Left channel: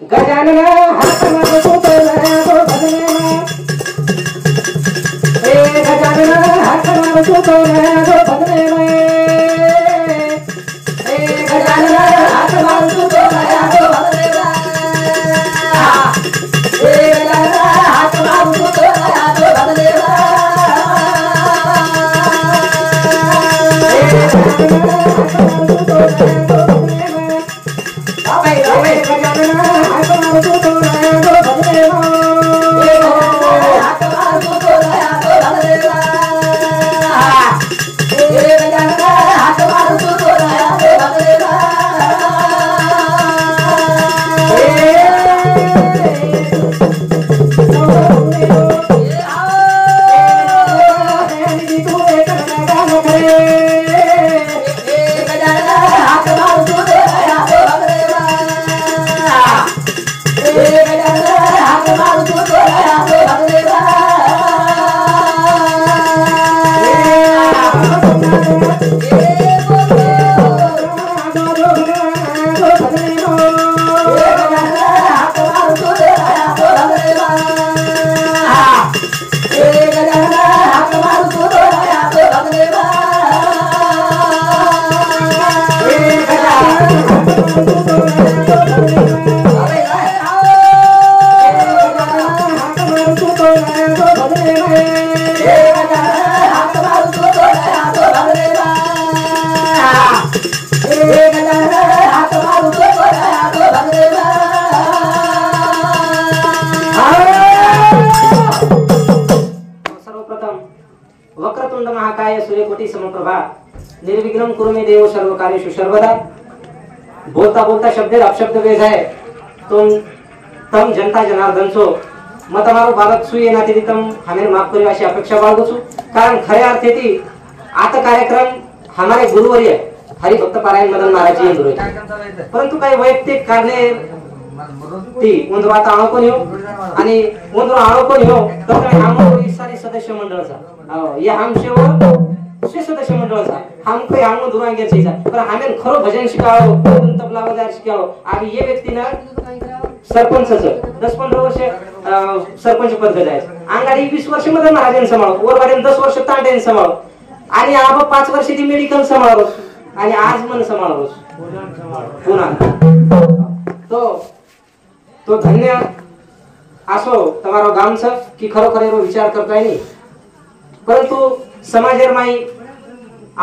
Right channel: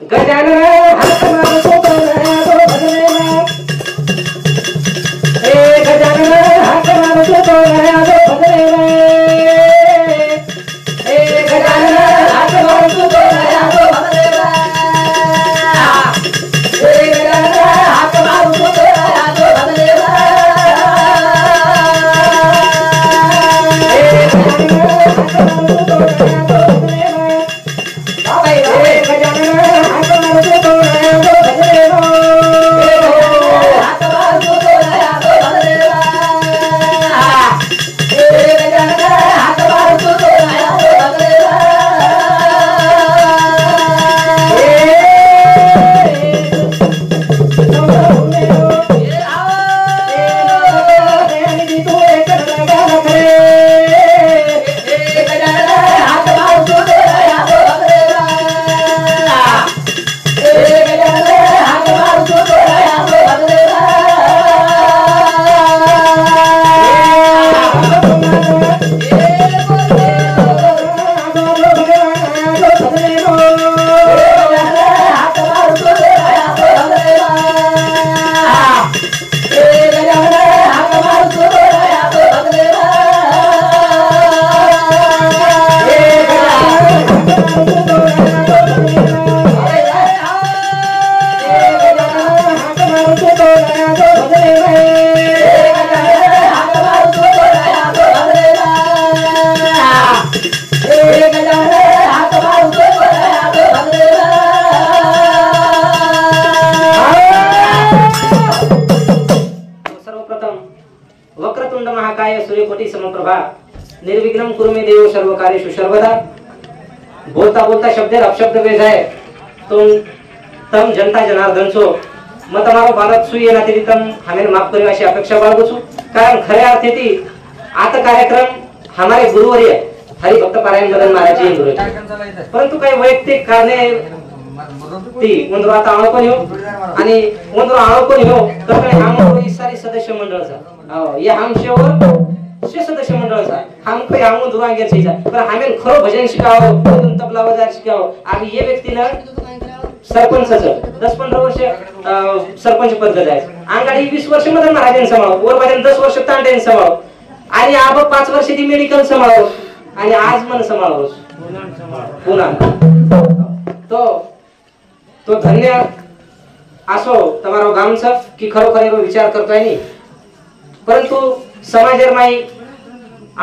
गजानन हात मारतो तो नया तो भजनेवा गजानन हात मारतो तो नया तो भजनेवा गजानन हात मारतो तो नया तो भजनेवा गजानन हात मारतो तो नया तो भजनेवा वक्रतुंड महाकाय सूर्यकोटि समप्रभा निर्विघ्नं कुरु मे देव सर्व कार्येषु सर्वदा। बोलता बोलता शब्द अपशब्द वेज है तो तम जनता जनार्दन छो मैं तमारो बालक છું એનાથી તમ હમે માફ કર્યો આશી અપેક્ષા બાળગું છું કારણ ખરે અર્થેથી આ તો કાર્યક્રમ हमारे गुरुवर्य हरिभक्त पारायण मदन महाराज जी गुरु परंतु काही वैयक्तिक कारणे ती उंदरो आता आळो कोणी हो आणि उंदरो आळो कोणी हो तर आम्ही ही सारी सदस्य मंडळचा हो या हमशेवर शे सदस्य मंडळचा हम काही हम दुरांगेर छीजा पण हमें खरो भजन शिकावो तबला वाजार शिकावो आणि ये व्यक्तीनं सरपंच 10-15 वर्ष सरपंच पद जायचं अंगाडी 20 वर्ष मदन महाराजांनी सांभाळो वरबाजून 10 वर्ष तांडेन सांभाळो आणि आब 5 वर्ष ती मेडिकल सांभाळो आणि आज मन सांभाळो पुन्हा तो धन्य आसो તમારો ગામ છે કે ખરોખર એનો વિચાર કરતો નહીં પરંતુ સમાજર માઈ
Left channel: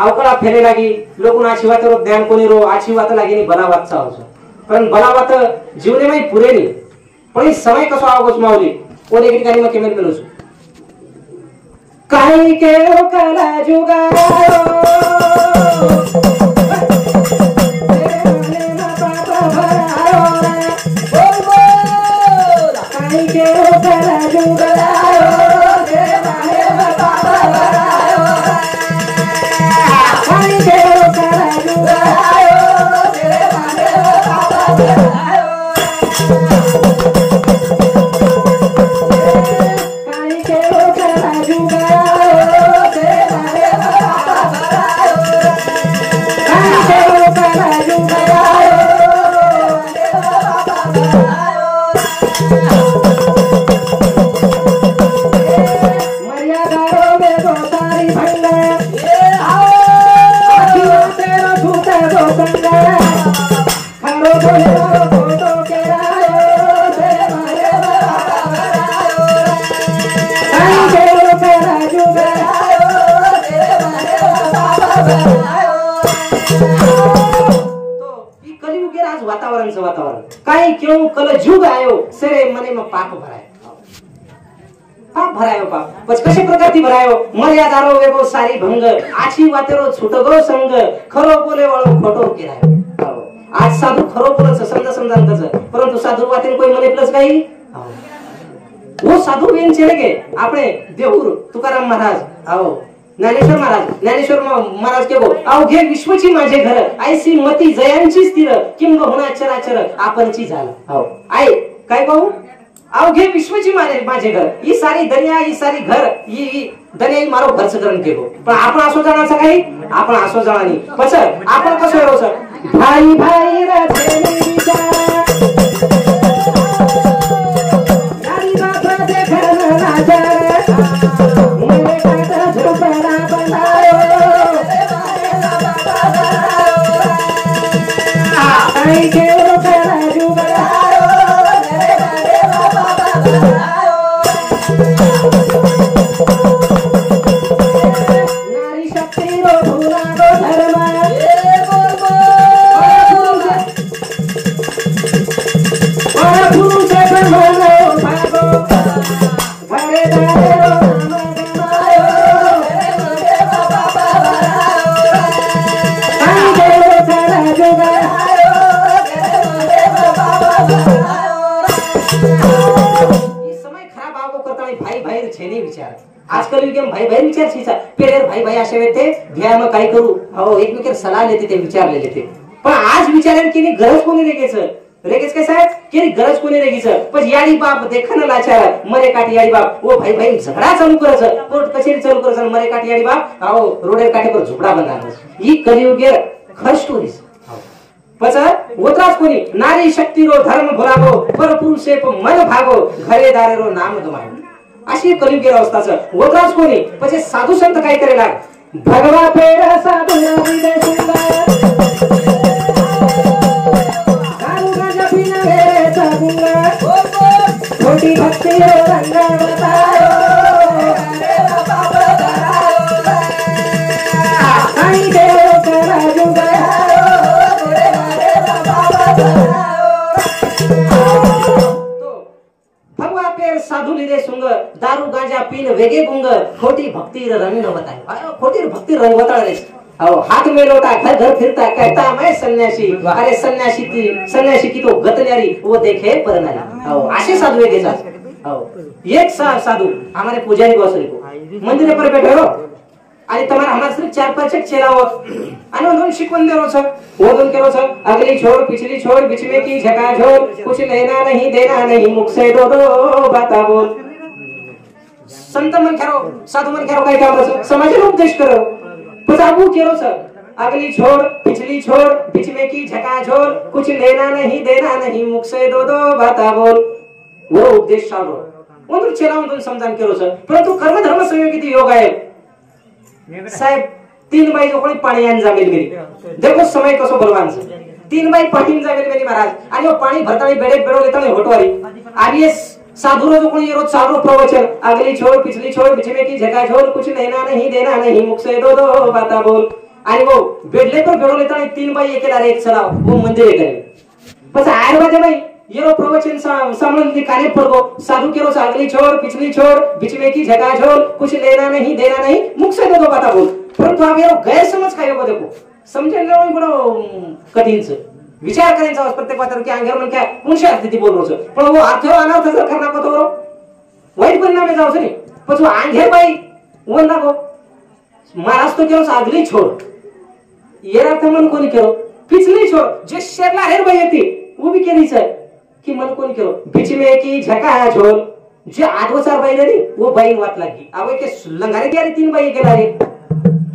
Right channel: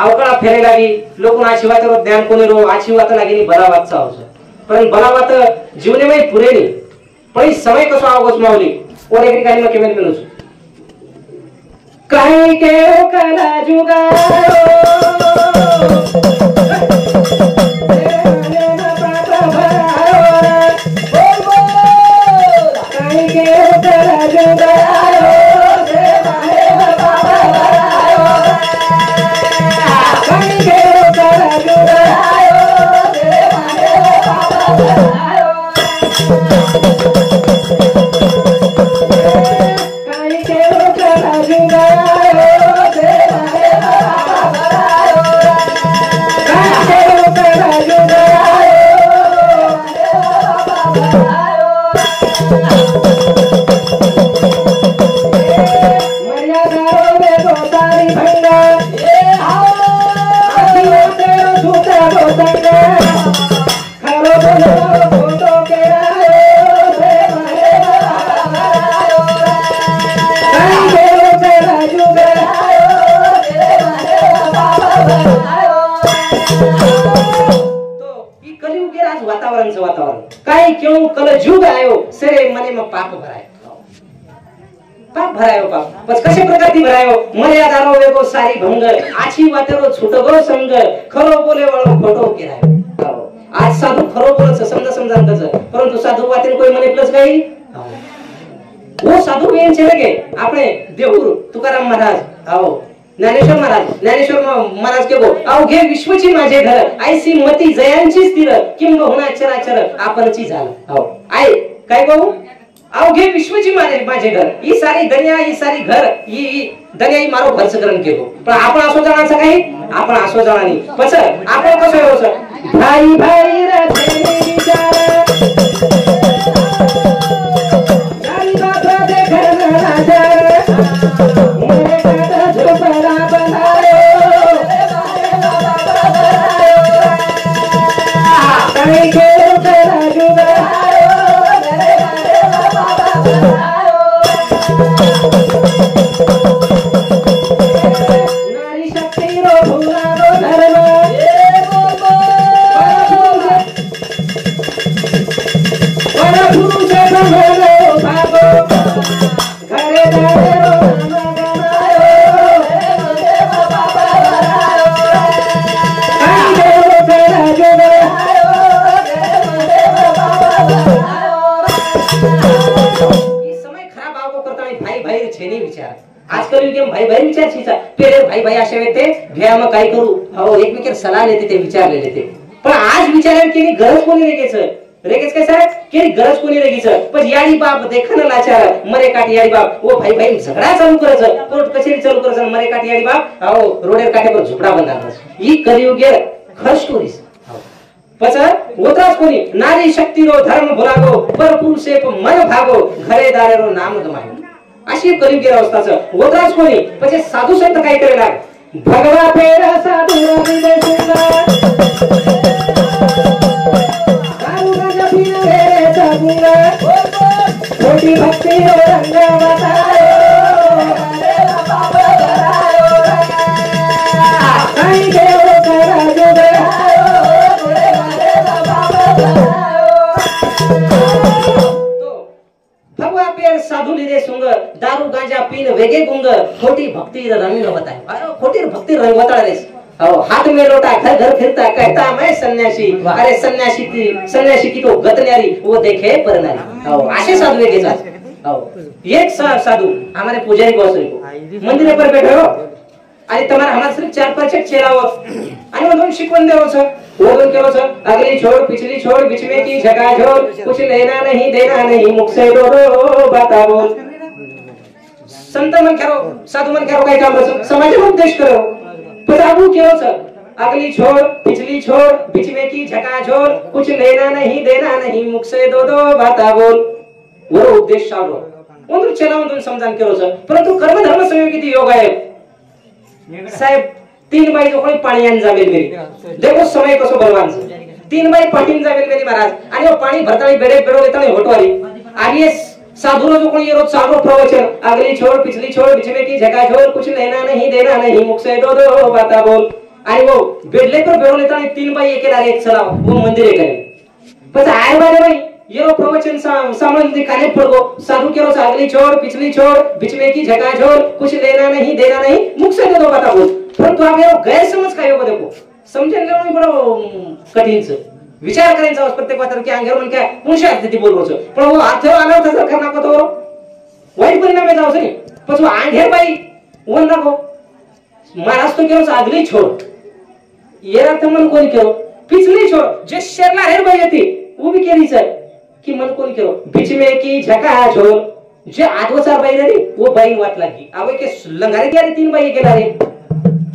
આવકળા ફેરે લાગી લોકોના આછી વાતરો ધ્યાન કોને રો આછી વાત લાગીની ભલા વાત ચાવ છે પણ ભલા વાત જીવને માં પૂરે નહીં પણ સમય કસો આવગો છે માવલી ઓને એક ગાડીમાં કેમેર મેલું છું કાઈ કે કલા જુગારો वातावरण काय क्यों कल जुग आयो सरे मने में पाप भरायो पाप पछ कशे प्रकारती भरायो मर्यादारो वेगो सारी भंग आछी वातेरो छुटगो संग खरो बोले वाळो खोटो केरायो आज साधू खरो बोलच समजा कच परंतु साधू वातेन कोई मने प्लस काही वो साधू वेन छे लगे आपणे देऊर तुकाराम महाराज आओ ज्ञानेश्वर महाराज के गो अवघे विश्वची माझे घर ऐसी मती जयांची स्थिर किंब होना चराचर आपणची झाल हो आई काय कहू अवघे विश्वची माझे घर ही सारी दुनिया ही सारी घर ही दुनिया ही मारो भरसकरण केलो पण आपण असो जाणाचं काही आपण असो जाणानी पछ आपण कसो येऊ सर भाई भाई रे विचार आजकाल युगे भाई भाई विचार शिचा पेरे भाई भाई असे ते घ्या मग काय करू हो एकमेकांना सलाह देते ते विचारलेले ते पण आज विचारायला की गरज कोणी रेगेचं रेगेच काय साहेब की गरज कोणी रेगीचं पण याडी बाप देखन लाचार मरे काठी याडी बाप ओ भाई भाई झगडा चालू करायचं कोर्ट कचेरी चालू करायचं मरे काठी याडी बाप हो रोडर काठेवर झुपडा बांधायचं ही कलियुगे खर स्टोरीज पच ओत्राच कोणी नारी शक्ती रो धर्म भुलागो पर पुरुषे मन भागो घरे दारे रो नाम गमायो अशी कलियुगी अवस्थाचं ओत्राच कोणी म्हणजे साधू संत काय करेला भगवा पेर साधू हृदय सुंदर छोटी भक्ति रंग बताओ भगवा पेर साधू लिरे सुंग दारू गांजा पीन वेगे गुंग खोटी भक्ति रंग बताए खोटी भक्ति रंग बता रे हाथ में लोटा घर घर फिरता कहता मैं सन्यासी अरे सन्यासी की तो गतन्यारी वो देखे परनारी असे साधू एक एक साधू हमारे पुजारी बॉस को मंदिर पर बैठे हो आणि तुम्हारा हमारा सिर्फ 4-5 चेला हो आणि उन्होंने शिकवण देव छ उन्होंने केलो छ अगली छोड़ पिछली छोड़ बीच में की झकाझोर कुछ लेना नहीं देना नहीं मुख से दो बाता बोल संत मन करो साधू मन करो काय काम समाज उपदेश करो पजाबू केलो छ अगली छोड़ पिछली छोड़ बीच में की झकाझोर कुछ लेना नहीं देना नहीं मुख से दो बाता बोल वो उपदेश चालू उन्होंने चेला उन्होंने समझान केलो छ परंतु कर्म धर्म संयोगित योग आहे साहेब 3 बाई जो कोणी पाणी आण जावेल मेरी देखो समय कसो बलवान 3 बाई पाणी जावेल मेरी महाराज आणि वो पाणी भरताळी बेडे बेडो देताळी होटवारी आणि ये साधु जो कोणी रोज चालू प्रवचन अगली छोड़ पिछली छोड़ बीच में की जगह छोड़ कुछ लेना नहीं देना नहीं मुख से दो बाता बोल आणि वो बेडले पर बेडो देताळी 3 बाई एकेला रे चलाव वो मंदिर करे पण आय वाले बाई ये रो प्रवचन सामने दिखाने पड़ गो साधु के रोज अगली छोड़ पिछली छोड़ बीच में की जगह छोड़ कुछ लेना नहीं देना नहीं मुख से दो बाता बोल परंतु आप ये गैर समझ काय हो देखो समझने में बड़ा कठिन से विचार करायचा प्रत्येक बात की अंगर मन काय कोणशी स्थिती बोलवच पण वो अर्थ अनर्थ जर करना को तो वाईट परिणाम जाऊ नाही पण वो अंगेर बाई वो नको महाराज तो केलो अगली छोड़ ये अर्थ मन कोणी केलो पिछली छोड़ जे शेरला हेर बाई येते वो भी केलीच आहे कि मन कोणी केलो बीच में की झका छोड़ जे 8 बाई रे वो बाई वाट लागी आवय के लंगारे के 3 बाई केला रे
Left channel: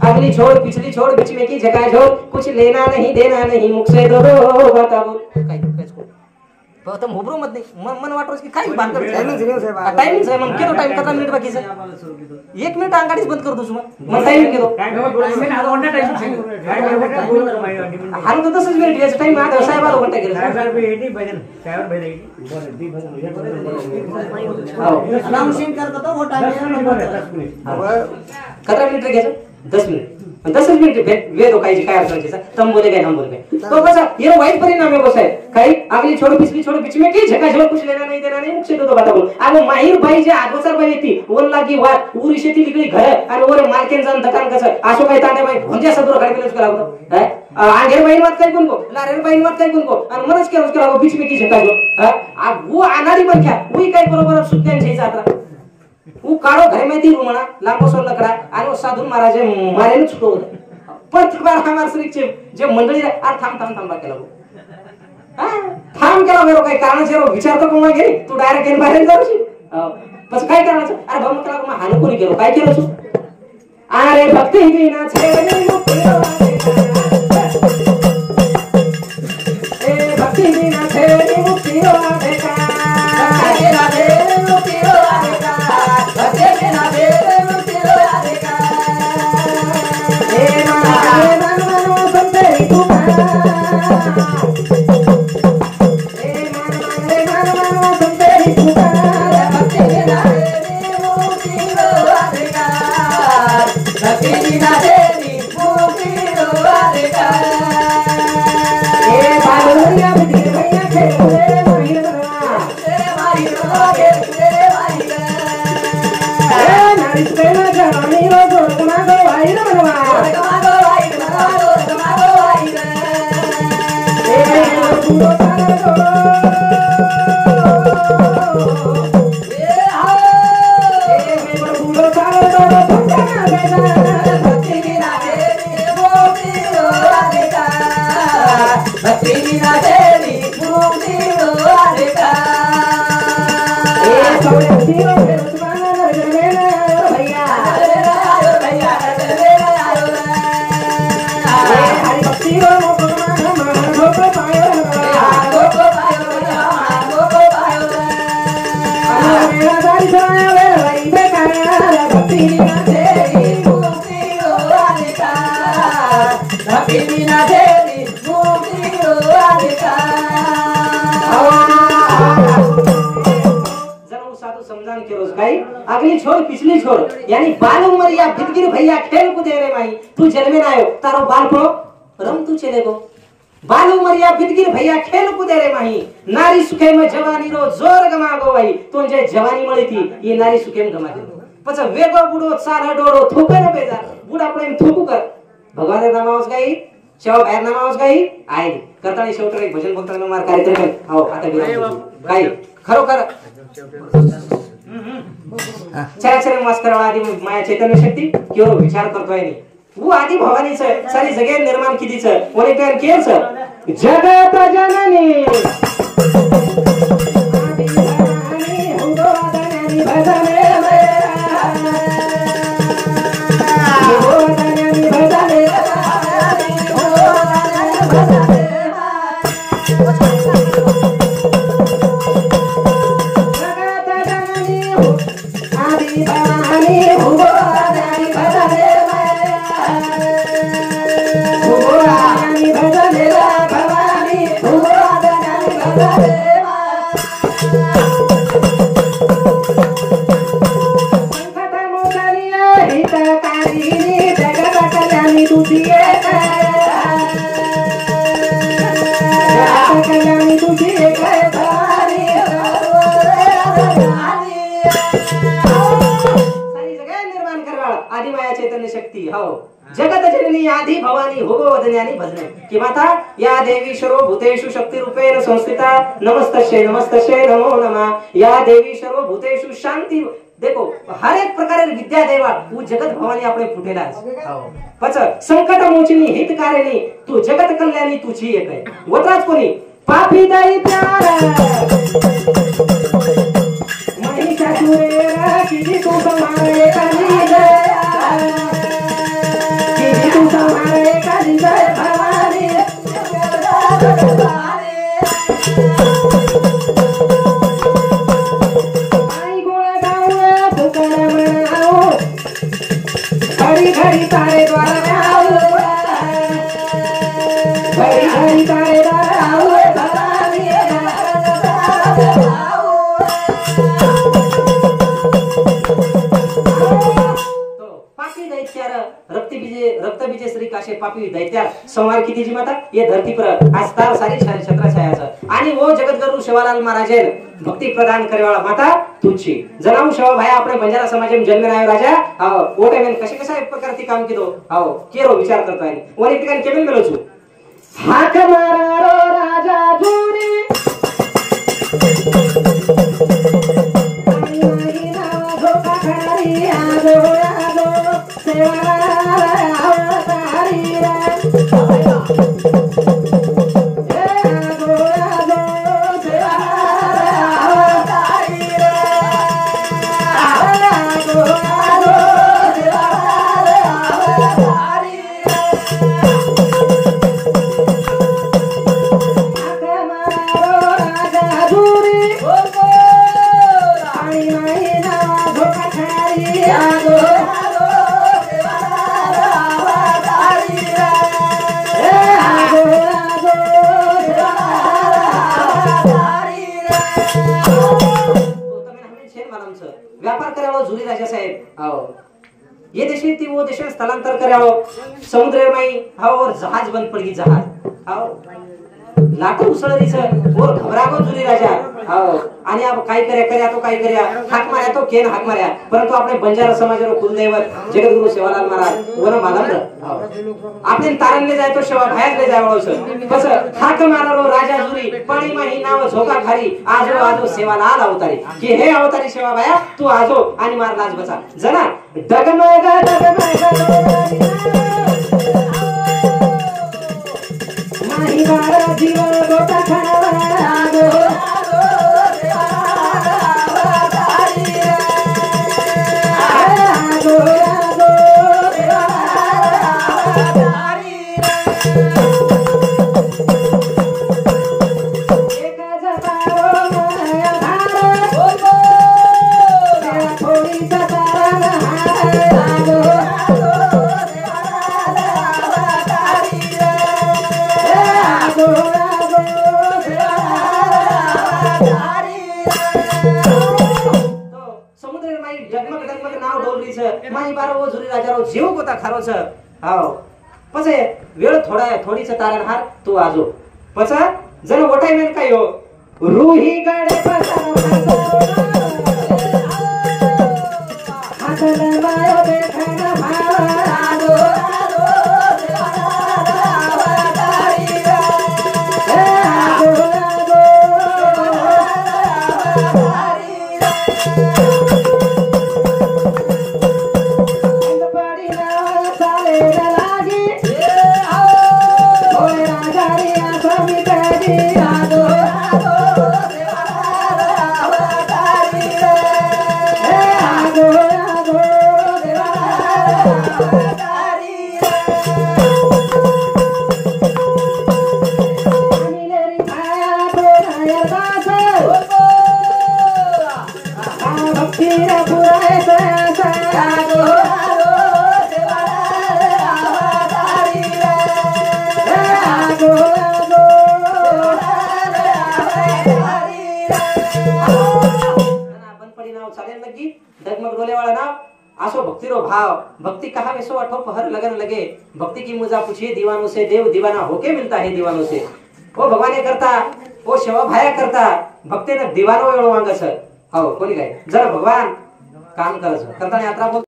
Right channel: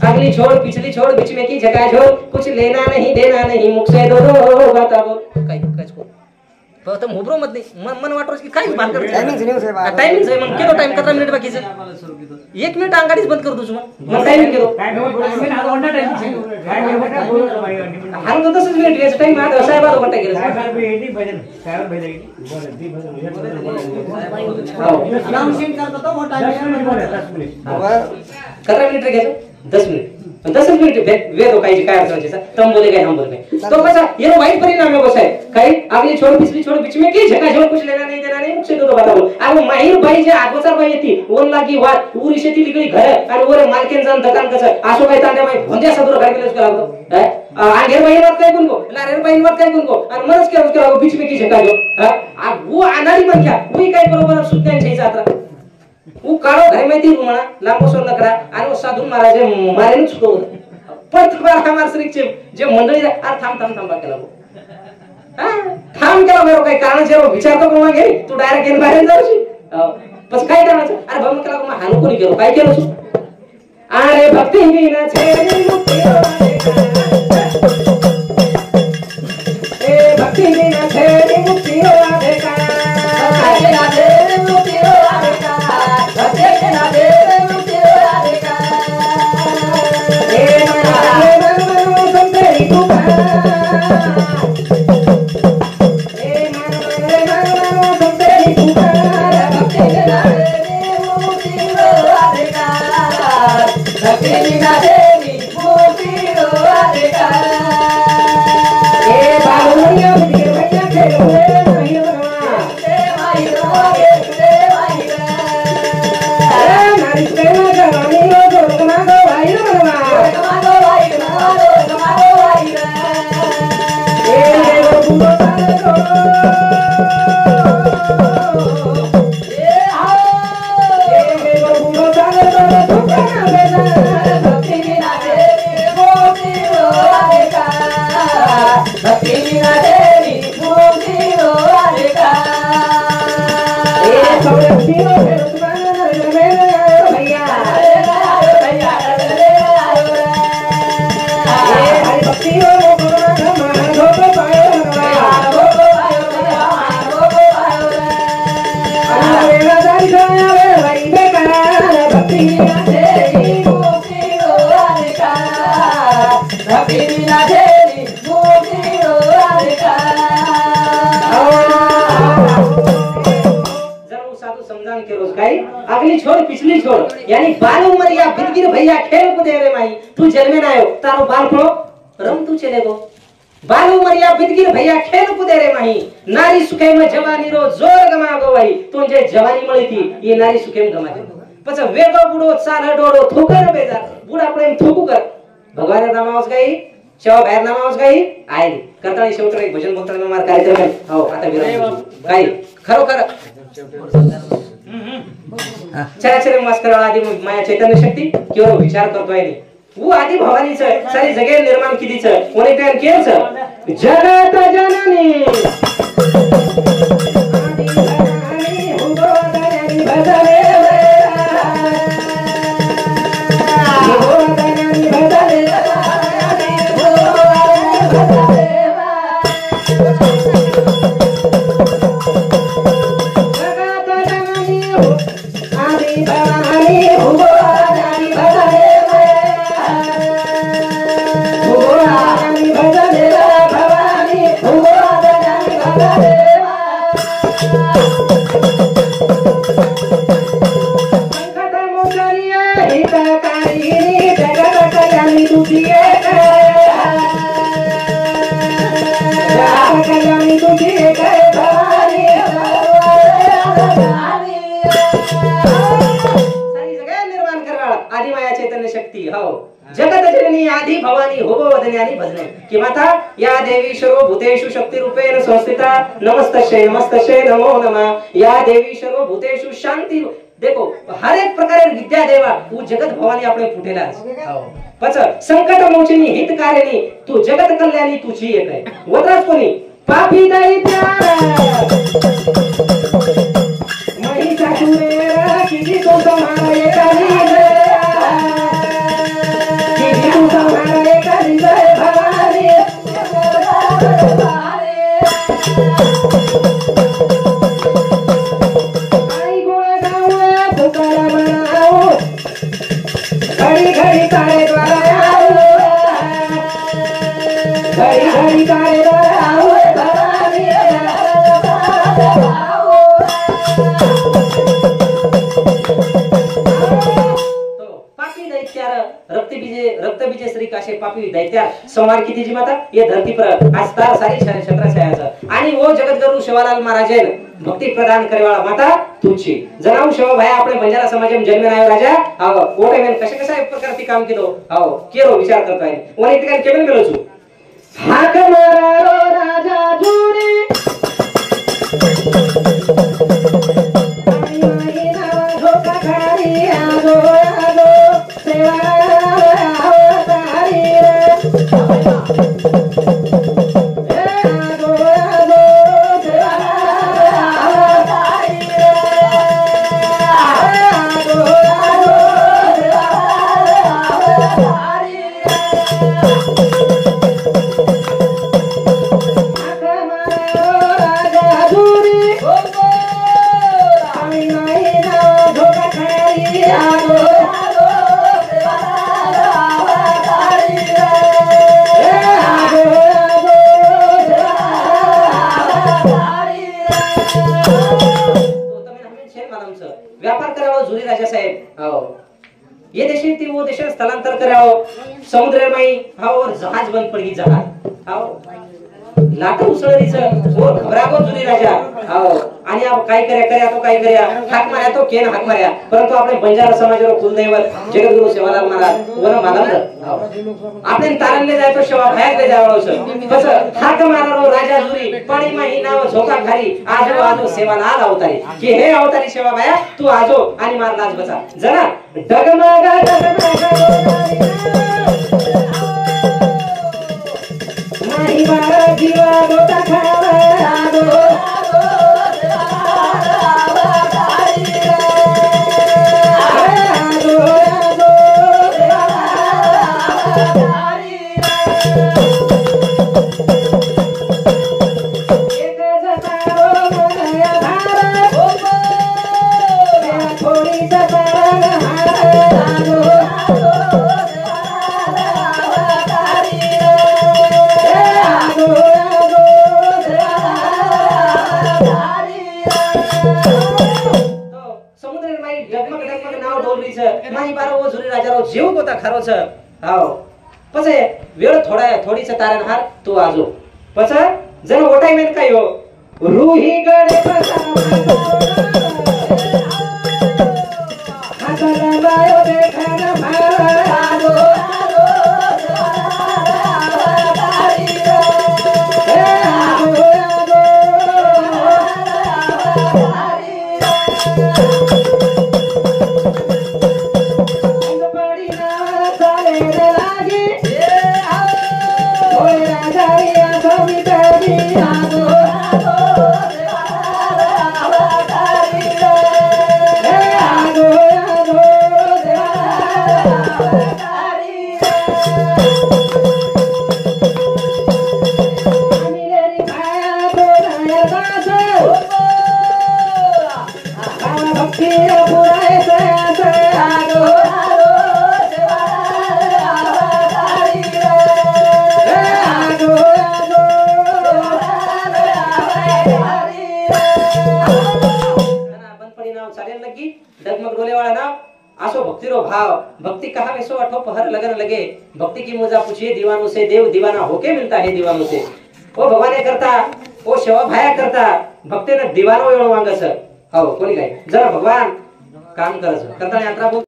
अगली छोड़ पिछली छोड़ बीच में की जगह छोड़ कुछ लेना नहीं देना नहीं मुख से दो बाता बोल काय को तुम होबरो मत नहीं मन वाटरो की काय बात कर टाइमिंग से मन केलो टाइम कितना मिनिट बाकी है 1 मिनिट अंगाडीच बंद कर दो मन टाइमिंग केलो हानु तो 10 मिनिट याचा टाइम आता साहेब 12 घंटा गेले नाम सिंग करतो तो वो टाइम कितना मिनिट गेले 10 मिनिट 10 मिनिट वे दो काही काय अर्थ आहे तुम बोले गए हम बोल गए तो बस ये वाइट परिणाम है बस है काही अगली छोड़ पिछली छोड़ बीच में की जगह छोड़ कुछ लेना नहीं देना नहीं मुख से दो बाता बोल अब माहिर बाई जे 8 बाई येती ओन लागी वाट उरी शेती लिगली घर आणि ओरे मालकीन जान दुकान कसं आसो काय तांडे बाई भोंद्या सदर गाडी केलंच लागतो है आंगेर बाई मत काय कोणको लारेर बाई मत काय कोणको आणि मनच केलं उसके बीच में की जगह जो आ वो आनाडी मन क्या वही काय बरोबर सुत्यान छेचा आता वो काढो घरे में ती रुमणा लांबो सोर लकरा आणि वो साधू महाराज मारेन छुटो पण तुकार हमार श्रीचे जे मंडळी आ थांब केला थांब केला मेरो काय कारण जे विचार तो कोणा घे तू डायरेक्ट इन बाहेर जाऊशी बस काय करायचं अरे भाऊ केला मग हानु कोणी केलो काय केलं अरे भक्ती विना छेरी ए भक्ती विना छेरी मुक्ती हो देखा Happy अगली छोड़ पिछली छोड़ यानी बाल उमरिया बिरगिर भैया खेल को दे रे माई तू जन्मे ना आयो तारो बाल पड़ो रम तू चले गो बाल उमरिया बिरगिर भैया खेल को दे रे माही नारी सुखे में जवानी रो जोर गमा गो भाई तू जे जवानी मળી थी ये नारी सुखे में गमा दे પછી વેગો બુડો ચાલ ડોડો થૂકે રે બેજા બુડા પ્રેમ થૂકુ કર ભગવાને નામ આવસ ગઈ શેવ બહાર નામ આવસ ગઈ આઈ કરતાળી શેવટર એક ભજન બોલતા મે માર કાર્યક્રમ આવો આતા વિરામ કાઈ ખરો કર चराचर मस्कर आदि माया चैतन्य शक्ती केवळ विचार करतोय नी वो आदि भवानी छ सारी जगे निर्माण किती छ कोणी प्यान केल छ जगत जननी आदि भवानी हुंगो दननी भजले जगत जननी आदि भवानी होगो वदन्यानी भजने कि माता या देवी सर्वभूतेषु शक्ति रूपेण संस्थिता नमस्तस्यै नमो नमः या देवी सर्वभूतेषु शांति देखो हर एक प्रकारे विद्या देवा वो जगत भवानी આપણે ફૂટેલા છે પછી સંકટ મોચની હિતકારિણી તું जगत कल्याणी तुझी एक आहे वत्राच कोणी पापी दाई प्यारा महिषासुरेरा किती तो समारे काली रक्तबीजे श्री काशे पापी दैत्या संवार किती जी माता ये धरती पर आज तार सारी छत्रछायाचं आणि वो जगतगुरु शिवालाल महाराजन भक्ती प्रदान करेवाळा माता तुझी जनाऊ शिवा भाई આપણે બંજારા સમાજમાં જન્મે આવ્યો રાજા આવો ઓટે મેન कशा प्रकारती काम केलो આવો केरो विचार करताय ओने ठिकाणी केबल मेलो छु हाक मारो राजा जुरी ये देश थी वो देश स्थलांतर करे आओ समुद्र में आओ और जहाज बंद पड़ गई जहाज आओ लाटा उसळरीच वो घबरागो जुनी राजा आओ आणि आप काय कर्या तो काय कर्या हाक मार्या तो केन हाक मार्या परंतु आपले बंजारा समाजरो कुलदैवत जगतगुरु शिवालाल महाराज वन मानंद आपले तारणले जाय तो शिवा भायात ले जाय वाळो छ बस हाक मारारो राजा जुरी पाणी में ही नाव झोका खारी आजो आजो सेवालाल अवतारी की हे अवतारी शिवा भाया तू आजो आणि मार लाज बचा जना डगमगा माही मारा जीवा गोता खावा थोड़ी सा गोटी छ मानी बार वो जुरी राजा रो जीव गोता खारो छ हाओ पछे वेळ थोडी छ तारण हार तू आजो पछा जन ओटाई मेन काय हो रूही गडे बसा हातला बायो देखना भारो डगमग डोले वाला नाम आसो भक्ति रो भाव भक्ति कहा में सो अठो पहर लगन लगे भक्ति की मुजा पूछिए दीवानों से देव दीवाना होके मिलता है दीवानों से ओ भगवाने करता ओ शव भाया करता भक्ति ने दीवानो एवढं मागस हाव कोणी काय जरा भगवान काम करत करता यात्रा बोल